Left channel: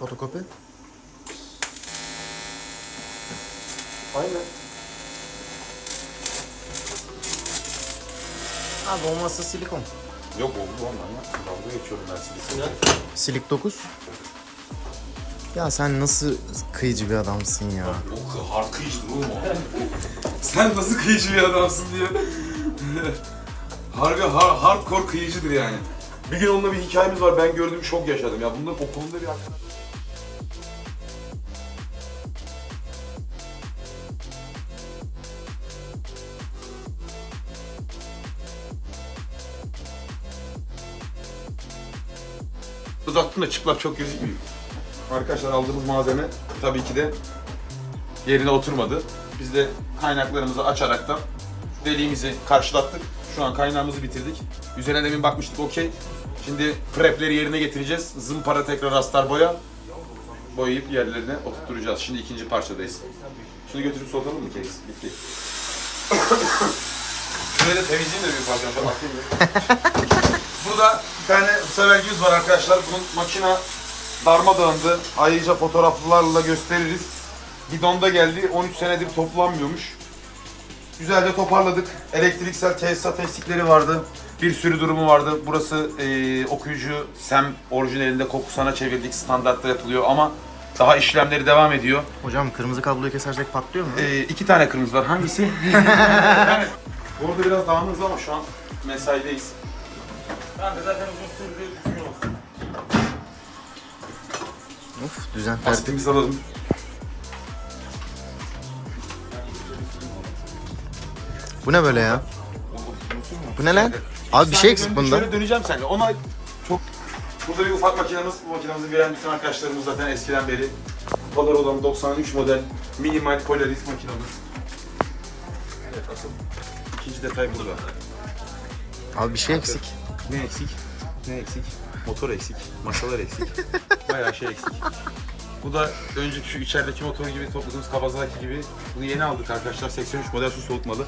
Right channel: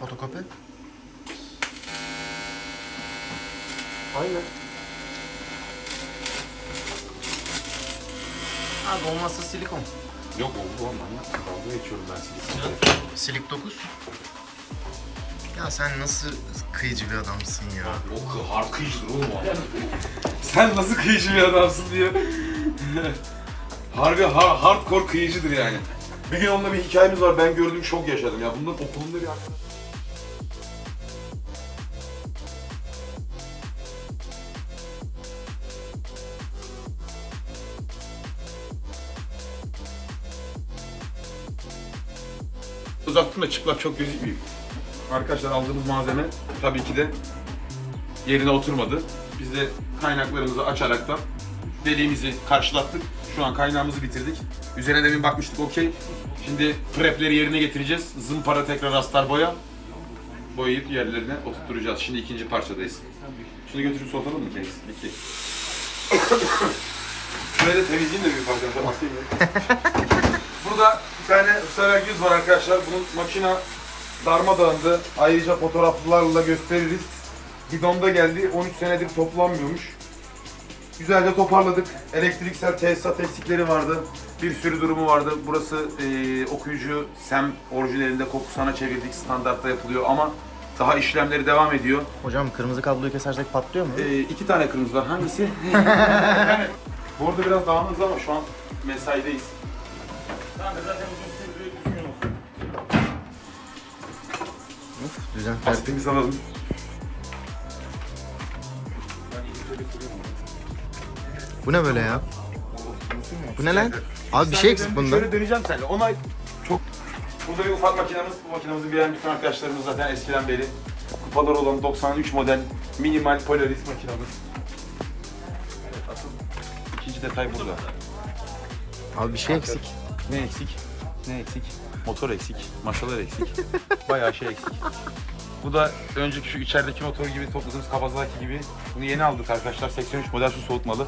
Fotokopi. Aynen. Abi olmazsa silikon. Yok oldu olmam ya. Dalga geçiyorum ben size. Silik 9. Ya sen nasıl kıyıcı bir adamsın ya. O hard kıyıcıdır oğlum o. Sen nasıl kıyıcı bir adamsın diye. Harbi har, hardcore kıyıcıdır yani. Bir gün onunla bir hikayemiz var. Ben gördüm şok yaşadım ya. Bunların okulunda bir arkadaş. Uzattım da çıplak çok gözükmüyor. Arkadaşlar aldığımız malzeme tabii ki de yerine oturmadı. Biz de kaynaklarımızı açaraktan deliğimizi karşılattık. Şu an kaynağımızı bitirdik. Üzerine demin bakmıştık okey. Şimdi prepleri yerine getireceğiz. Zımpara tekrar astar boya. Boyayıp yerlerine oturtturacağız. Şimdi ikinci parçadayız. Şunu götürüp soğutalım mı keks? Bitti. Şurayı da temizleyeyim de bir parça. Ya. Burada bir tane sövergimiz var arkadaşlar. Bunun makina darmadağındı. Ayrıca fotoğraflarla gösteririz. Bidonda geldi. 13 senedir toplanmıyormuş. Güzelce toparladık. Elektriksel tesisat eksikleri vardı. Bir sürü durumu vardı. Burası eee, okuyucu SEM orijinalinde kokusana çevirdik. Standartta yapılıyor ama daha işlemleri devam ediyor. Hocam kırmızı kabloyu kesersek patlıyor mu? Ee, iki tane kırmızı var. Hangisi? yani, bu arada biraz dağınız ama şu an mesaideyiz. Of düzen. Lastikimizi alalım. Bu ne böyle ya? Bu ne lan? Abi bir şey eksik bunda. Şöyle döneceğim seninle. Ona çok... Burada bir ufak makinemiz. Bu makinemizi bilen bütün arkadaşlarımız zaten eskiden beri. Kupalar olan 93 model minimal Polaris makinamız. Evet asıl ikinci detay burada. Abi bir şey eksik. Ne eksik? Ne eksik? Motor eksik, masalar eksik. Bayağı şey eksik. Bu da önceki şu içerideki motor gibi topladığımız Kawasaki gibi. Bunu yeni aldık arkadaşlar. 83 model su soğutmalı.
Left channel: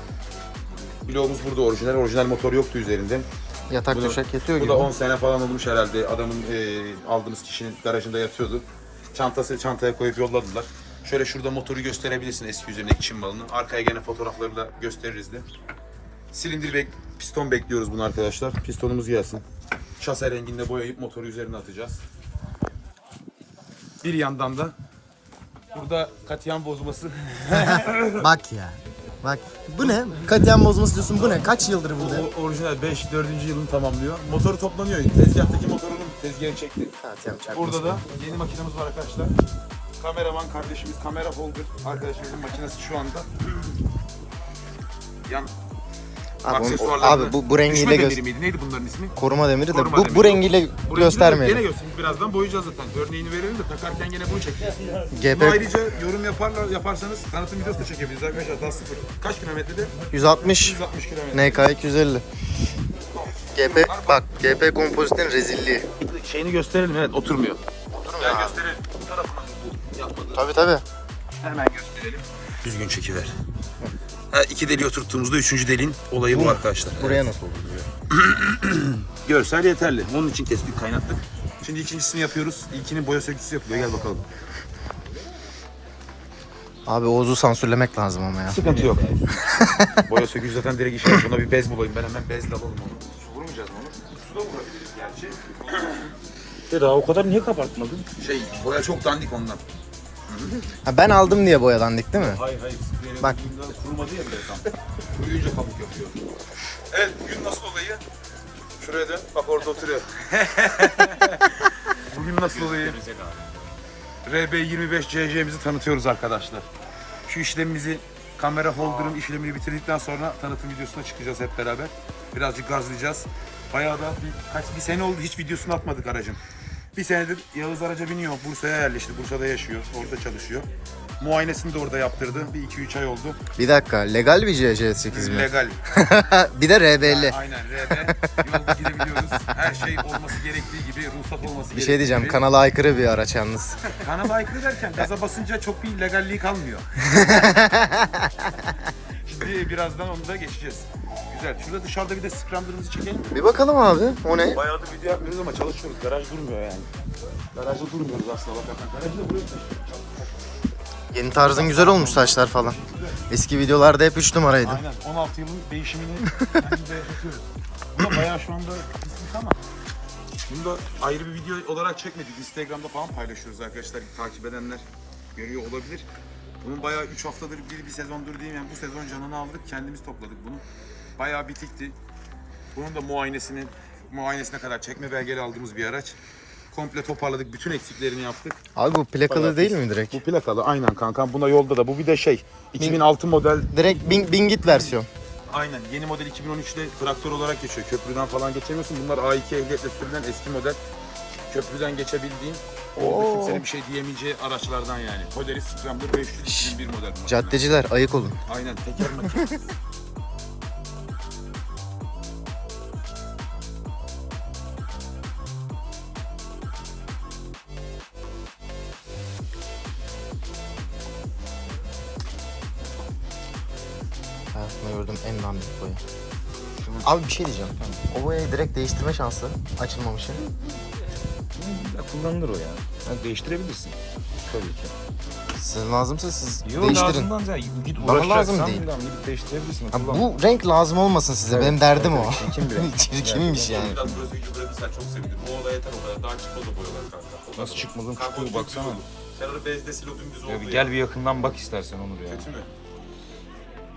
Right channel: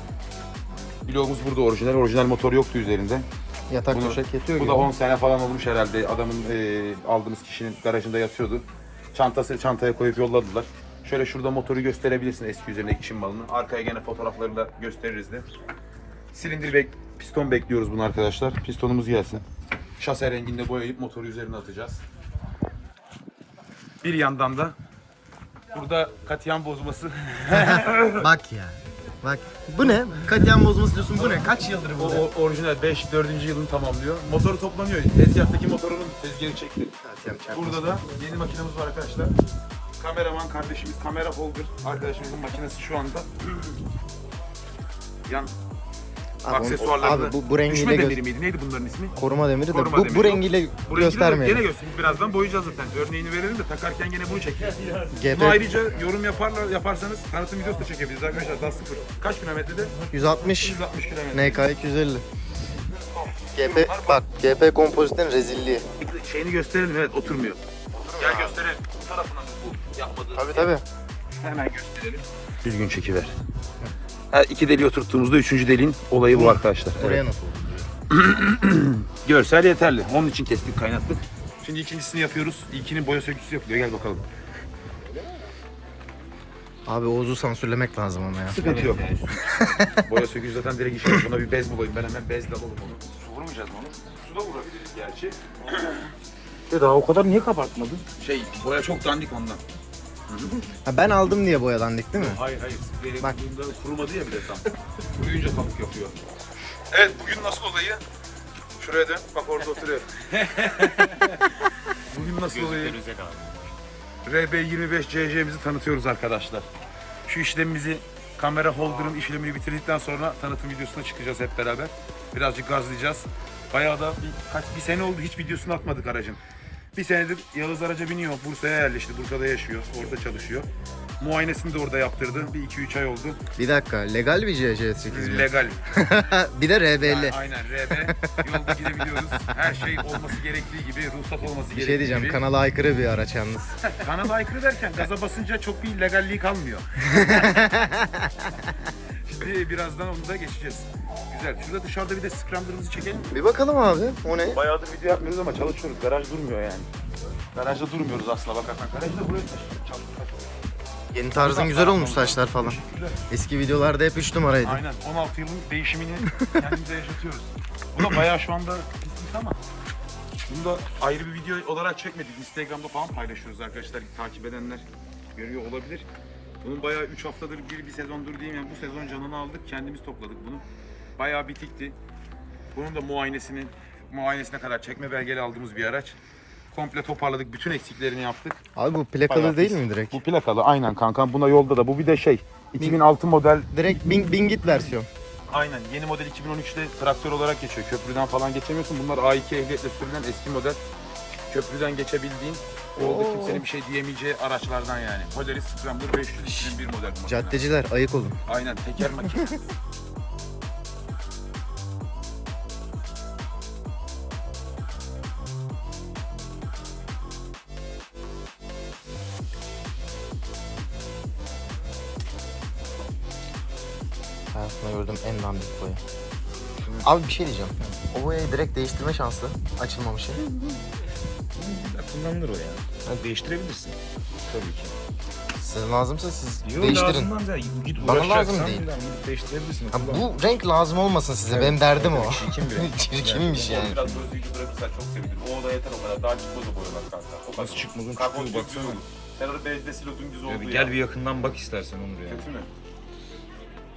Bloğumuz burada orijinal. Orijinal motor yoktu üzerinde. Yatak Bu da- döşek yatıyor Bu gibi. da 10 sene falan olmuş herhalde. Adamın e, aldığımız kişinin garajında yatıyordu. Çantası çantaya koyup yolladılar. Şöyle şurada motoru gösterebilirsin eski üzerindeki Çin malını. Arkaya gene fotoğrafları da gösteririz de. Silindir bek piston bekliyoruz bunu arkadaşlar. Pistonumuz gelsin. Şase renginde boyayıp motoru üzerine atacağız. Bir yandan da burada katiyen bozması. Bak ya. Bak. Bu ne? Katiyen bozması diyorsun bu ne? Kaç yıldır bu? o orijinal 5 4. yılını tamamlıyor. Motor toplanıyor. Tezgahtaki motorun tezgahı çekti. Katiyen Burada da yeni makinemiz var arkadaşlar. Kameraman kardeşimiz, kamera holder arkadaşımızın makinesi şu anda. Yan Abi, abi bu, bu rengiyle Düşme demiri miydi? Neydi bunların ismi? Koruma demiri de Koruma bu, demiri. bu rengiyle Bu rengi de göstermeyelim. Gene göstereyim. Birazdan boyayacağız zaten. Örneğini verelim de takarken gene bunu çekeceğiz. GP Bunu ayrıca yorum yaparlar yaparsanız tanıtım videosu da çekebiliriz arkadaşlar. Daha sıfır. Kaç kilometrede? 160 160 kilometre. NK 250. GP bak GP kompozitin rezilliği. Şeyini gösterelim evet oturmuyor. Oturmuyor Gel gösterelim. Bu tarafına mı bu yapmadığı? Tabi tabi. Hemen gösterelim. Düzgün çekiler. Ha, iki deliği oturttuğumuzda üçüncü deliğin olayı bu arkadaşlar. Buraya nasıl olur diyor. Görsel yeterli. Onun için kestik, kaynattık. Şimdi ikincisini yapıyoruz. İlkinin boya sökücüsü yapılıyor. Gel bakalım. Abi Oğuz'u sansürlemek lazım ama ya. Sıkıntı yok. boya sökücü zaten direkt işe Buna bir bez bulayım. Ben hemen bezle alalım onu. Su vurmayacağız mı onu? Suda vurabiliriz gerçi. Ya daha o kadar niye kabartmadın? Şey, boya çok dandik ondan. Ha, ben aldım diye boyadandık değil mi? Hayır hayır. Bak. Bak. Kurumadı ya bile tam. Kuruyunca kabuk yapıyor. Evet bugün nasıl olayı? Şuraya dön. Bak orada oturuyor. bugün nasıl olayı? RB25 CC'mizi tanıtıyoruz arkadaşlar. Şu işlemimizi kamera holder'ın işlemini bitirdikten sonra tanıtım videosuna çıkacağız hep beraber. Birazcık gazlayacağız. Bayağı da bir, kaç, bir sene oldu hiç videosunu atmadık aracın. Bir senedir Yağız araca biniyor. Bursa'ya yerleşti. Bursa'da yaşıyor. Orada çalışıyor. Muayenesini de orada yaptırdı. Bir iki üç ay oldu. Bir dakika legal bir CS8 mi? Legal. bir de R50. Aynen RB. Yolda gidebiliyoruz. Her şey olması gerektiği gibi, ruhsat olması gerektiği Bir şey diyeceğim gibi. kanala aykırı bir araç yalnız. Kanala aykırı derken gaza basınca çok bir legalliği kalmıyor. Şimdi birazdan onu da geçeceğiz. Güzel. Şurada dışarıda bir de scrambler'ımızı çekelim. Bir bakalım abi o ne? Bayağıdır video yapmıyoruz ama çalışıyoruz. Garaj durmuyor yani. Garajda durmuyoruz aslında bakarsan. Garajda buraya Yeni tarzın güzel olmuş saçlar falan. Eski videolarda hep 3 numaraydı. Aynen 16 yılın değişimini kendimize yaşatıyoruz. Bu da bayağı şu anda pislik ama bunu da ayrı bir video olarak çekmedik. Instagram'da falan paylaşıyoruz arkadaşlar. Takip edenler görüyor olabilir. Bunun bayağı 3 haftadır bir, bir sezondur diyeyim yani bu sezon canını aldık. Kendimiz topladık bunu. Bayağı bitikti. Bunun da muayenesini muayenesine kadar çekme belgeli aldığımız bir araç. Komple toparladık. Bütün eksiklerini yaptık. Abi bu plakalı Bayağı değil pis. mi direkt? Bu plakalı aynen kankam. Buna yolda da. Bu bir de şey 2006 model Direkt bin, bingit versiyon. Aynen yeni model 2013'te traktör olarak geçiyor. Köprüden falan geçemiyorsun. Bunlar A2 ehliyetle sürülen eski model. Köprüden geçebildiğin Oo. kimsenin bir şey diyemeyeceği araçlardan yani. Polaris Scrambler 500 2001 model bunlar. Caddeciler ayık olun. Aynen teker makine. Hayatımda gördüğüm en dandik boya. Abi bir şey diyeceğim. O boyayı direkt değiştirme şansı açılmamışı. Ya kullanılır o ya. Ha, değiştirebilirsin. Tabii ki. Size lazımsa siz Yo, değiştirin. lazımdan zaten git Bana lazım değil. gidip değiştirebilirsin. Ha, Kullan. bu renk lazım olmasın size. Evet, Benim derdim evet, o. çirkin bir renk. Çirkinmiş yani. Biraz çok. O. Daha çıkmadı boyalar kanka. Nasıl çıkmadın çıkıyor baksana. Sen onu bezde silo dümdüz oldu Ya bir gel bir yakından bak istersen Onur ya. Kötü mü?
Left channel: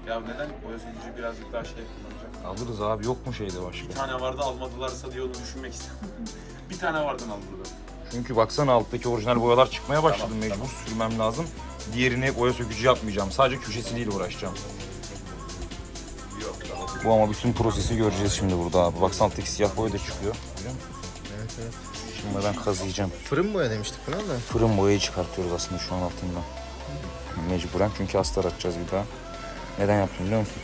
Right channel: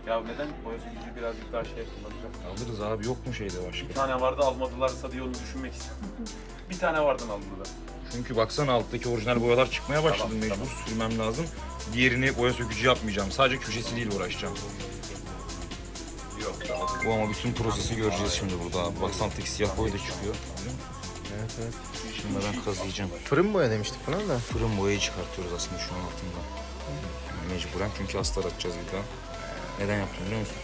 Ya neden sürücü birazcık daha şey kullanacak? Alırız abi yok mu şeyde başka? Bir tane vardı almadılarsa diye onu düşünmek istedim. bir tane vardan al burada. Çünkü baksana alttaki orijinal boyalar çıkmaya başladı. Tamam, Mecbur tamam. sürmem lazım. Diğerini boya sökücü yapmayacağım. Sadece köşesiyle uğraşacağım. Yok. Bu ama bütün prosesi göreceğiz şimdi burada abi. Baksana alttaki siyah boya da çıkıyor. Evet evet. Şimdi ben kazıyacağım. Fırın boya demiştik buna da. Fırın boyayı çıkartıyoruz aslında şu an altından. Mecburen çünkü astar atacağız bir daha. Neden yaptım biliyor musun?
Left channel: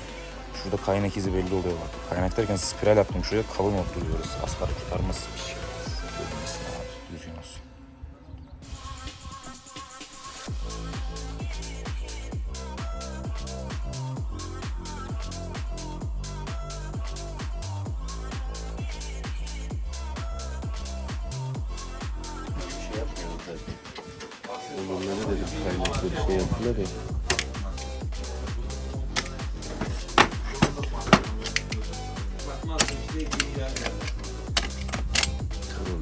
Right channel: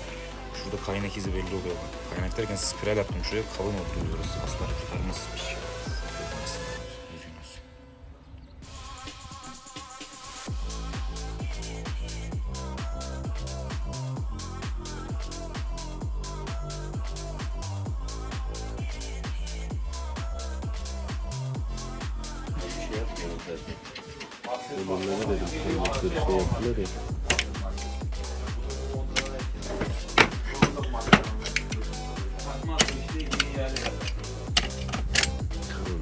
Şurada kaynak izi belli oluyor. Kaynak derken spiral yaptım şuraya kalın oturuyoruz. Astar tutarmaz bir şey. Düzgün olsun. Onlara dedim kaynakları şey yaptılar da.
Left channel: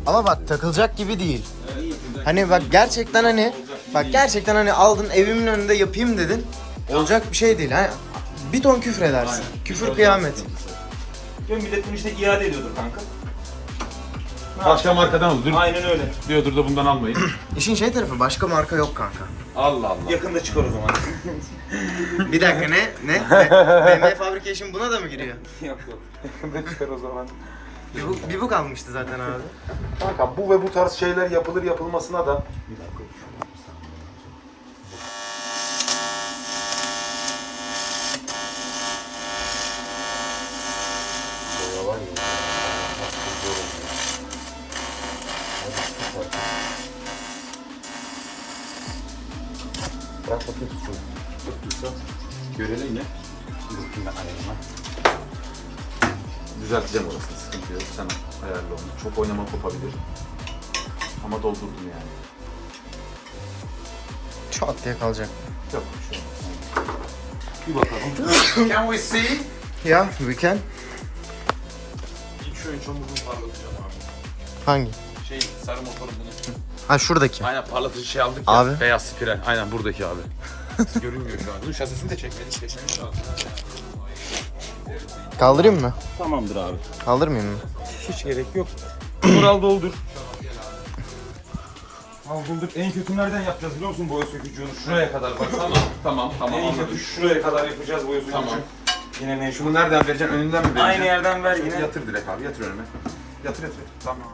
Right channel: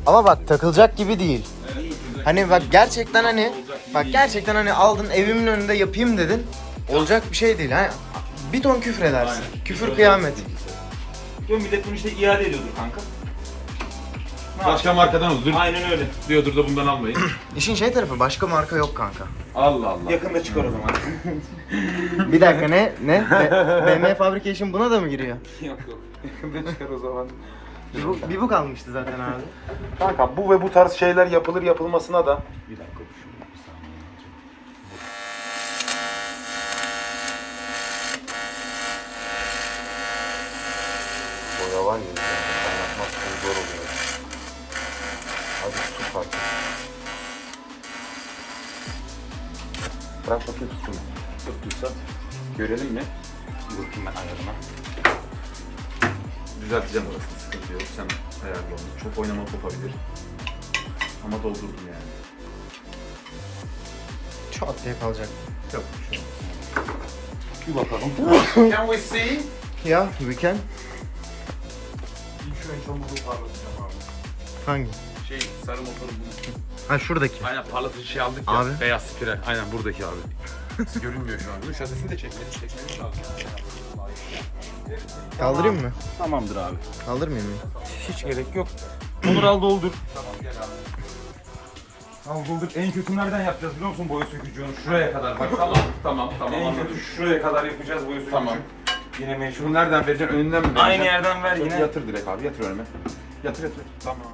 Ama bak takılacak gibi değil. Hani bak gerçekten hani bak gerçekten hani aldın evimin önünde yapayım dedin. Olacak bir şey değil. Hani bir ton küfür edersin. Küfür kıyamet. Yok millet bunu işte iade ediyordur kanka. Başka markadan al. Dur. Aynen öyle. Diyordur da bundan almayın. İşin şey tarafı başka marka yok kanka. Allah Allah. Yakında çıkar o zaman. Bir dakika ne? Ne? BMW Fabrication buna da mı giriyor? yok yok. Yakında çıkar o zaman. Bir bu, kalmıştı zaten abi. Kanka bu ve bu tarz şeyler yapılır yapılmasına da Bir dakika. Boya var ya. Çok zor oluyor. Hadi tut artık. bırak bakayım tutsun. Tuttuysa görelim ya. Bakayım ben ayarına. Düzelteceğim orasını yok. Sen ayarla onu. Çok oynama kopabilir. Ama doldurdum yani. Çat diye kalacak. Yok şu an. Bir bakalım. Can we see? Ya we can. İlk şu ön çamurluğu parlatacağım abi. Hangi? Şey sarı motoru bunu. Ha şuradaki. Aynen parlatıcı şey aldık Abi. ya. Beyaz spiral. Aynen buradaki abi. Görünmüyor şu an. Dur şasisini de çekmeli. Çekmeli lazım. Kaldırayım mı? Tamamdır abi. Kaldırmayayım mı? Hiç gerek yok. Onur al doldur. Al doldur. En kötü nereden yapacağız biliyor musun boya sökücüğünü? Şuraya kadar bak. Tamam, tamam, tamam. En kötü şuraya kadar yapacağız boya sökücüğü. Tamam. Yine mecbur. Şunu nereden vereceğim? Önünden mi vereceğim? Aynı yerden ver Şöyle yine. Yatır direkt abi, yatır önüme. Yatır yatır. Tamam.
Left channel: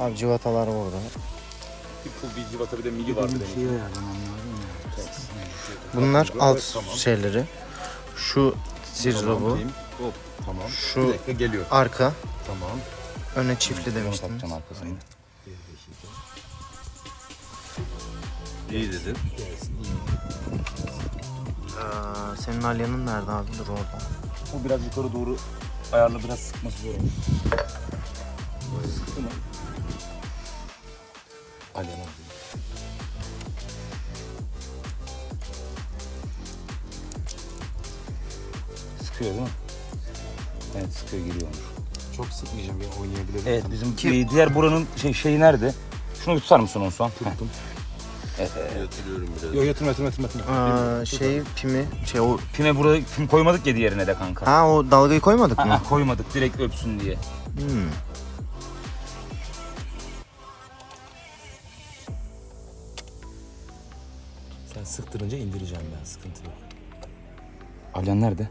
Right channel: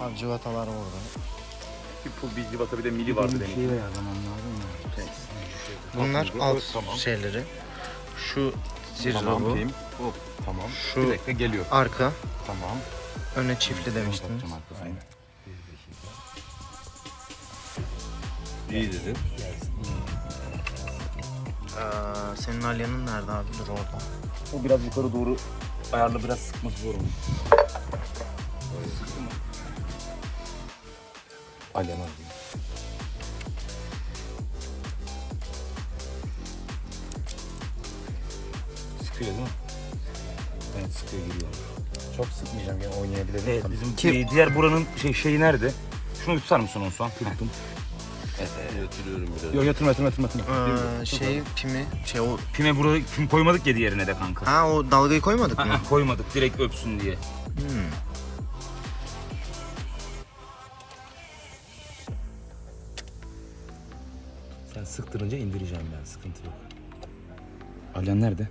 Abi civatalar orada. Bir pul bir civata bir de mili vardı benim. Şey ayarlamam lazım ya. Thanks. Bunlar alt Tamam. şeyleri. Şu zirve Tamam bu. Hop tamam. Şu- Bir dakika geliyor. Arka. Tamam. Öne çiftli demiştim. Satacaksın arkasını. İyi dedin. Ee, senin alyanın nerede abi? Dur orada. O biraz yukarı doğru ayarla biraz sıkması zor onu. Alem abi. Sıkıyor değil mi? Evet sıkıyor giriyor. Çok sıkmayacağım ya oynayabilirim. Evet bizim Kim- e, diğer buranın şey, şeyi nerede? Şunu bir tutar mısın onu son? Tuttum. Evet. Yatırıyorum biraz. Yok yatırma yatırma yatırma. Aa, şey pimi şey o Pime buraya pim koymadık ya diğerine de kanka. Ha o dalgayı koymadık mı? Aa, koymadık direkt öpsün diye. Hmm. Sen sıktırınca indireceğim ben sıkıntı yok. Alyan nerede?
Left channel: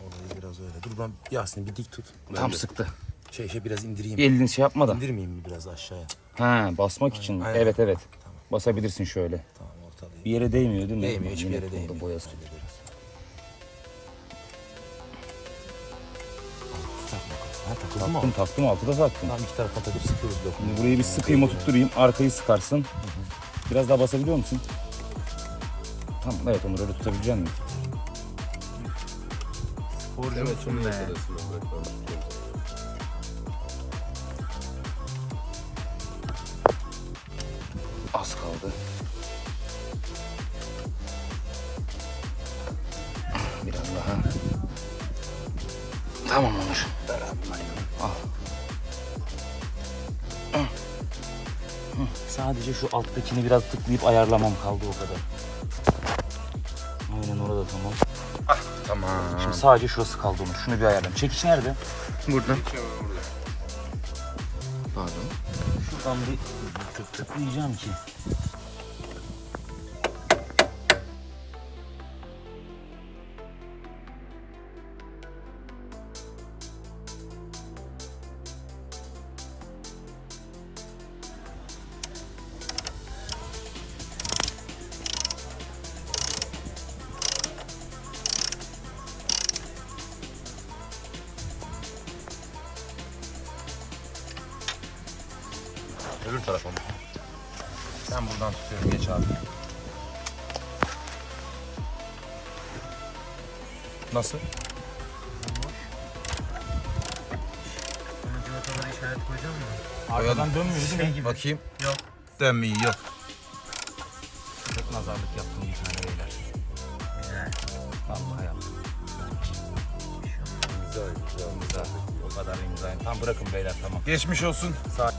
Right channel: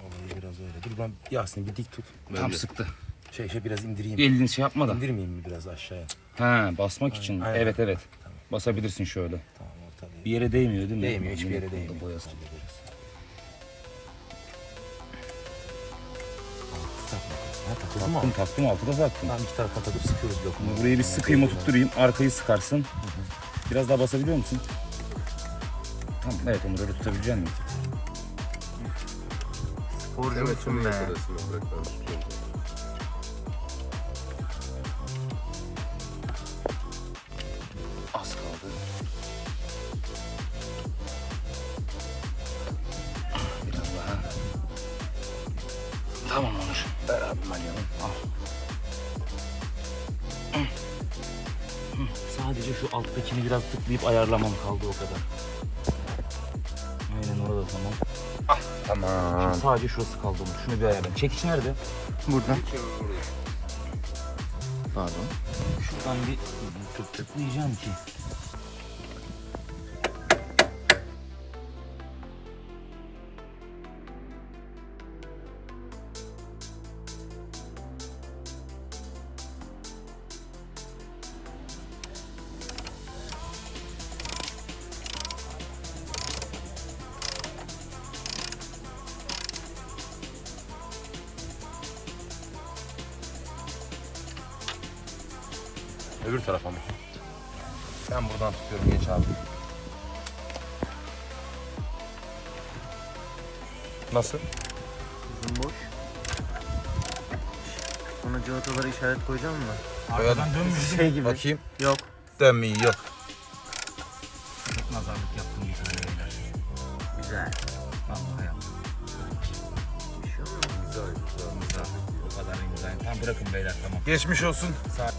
Olayı biraz öyle. Dur ben Yasin bir dik tut. Tam sıktı. Şey şey biraz indireyim. Elini şey yapma da. İndirmeyeyim mi biraz aşağıya? Ha basmak için. aynen. Evet evet. Basabilirsin şöyle. Tamam ortalayayım. Bir yere değmiyor değil mi? Değmiyor hiçbir Yine yere kolda değmiyor. Boyası. Hallederiz. Mı? o? Taktım taktım altıda taktım. Tamam iki taraftan takıp sıkıyoruz lokumu. Şimdi burayı bir sıkayım oturtturayım. Arkayı sıkarsın. Biraz daha basabiliyor musun? Tamam evet onu öyle tutabilecek misin? Sporcu Evet, musun be? Az kaldı. Biraz daha. Tamam şu alttakini biraz tıklayıp ayarlamam kaldı o kadar. Aynen orada tamam. Tamam. Şimdi sadece şurası kaldı onun. Şunu bir ayarlayayım. Çekiş nerede? Burada. Burada. Pardon. Şuradan bir tıklayacağım ki. Öbür tarafa mı? Ben buradan tutuyorum geç abi. Nasıl? Boş. Sonra civataları işaret koyacağım mı? Arkadan dönmüyor değil mi? Şey gibi. Bakayım. Yok. Dönmüyor. Çok nazarlık yaptım bir tane beyler. Güzel. Vallahi yaptım. Bir şey olmaz. Güzel güzel. O kadar imzayım. Tamam bırakın beyler tamam. Geçmiş olsun. Sağ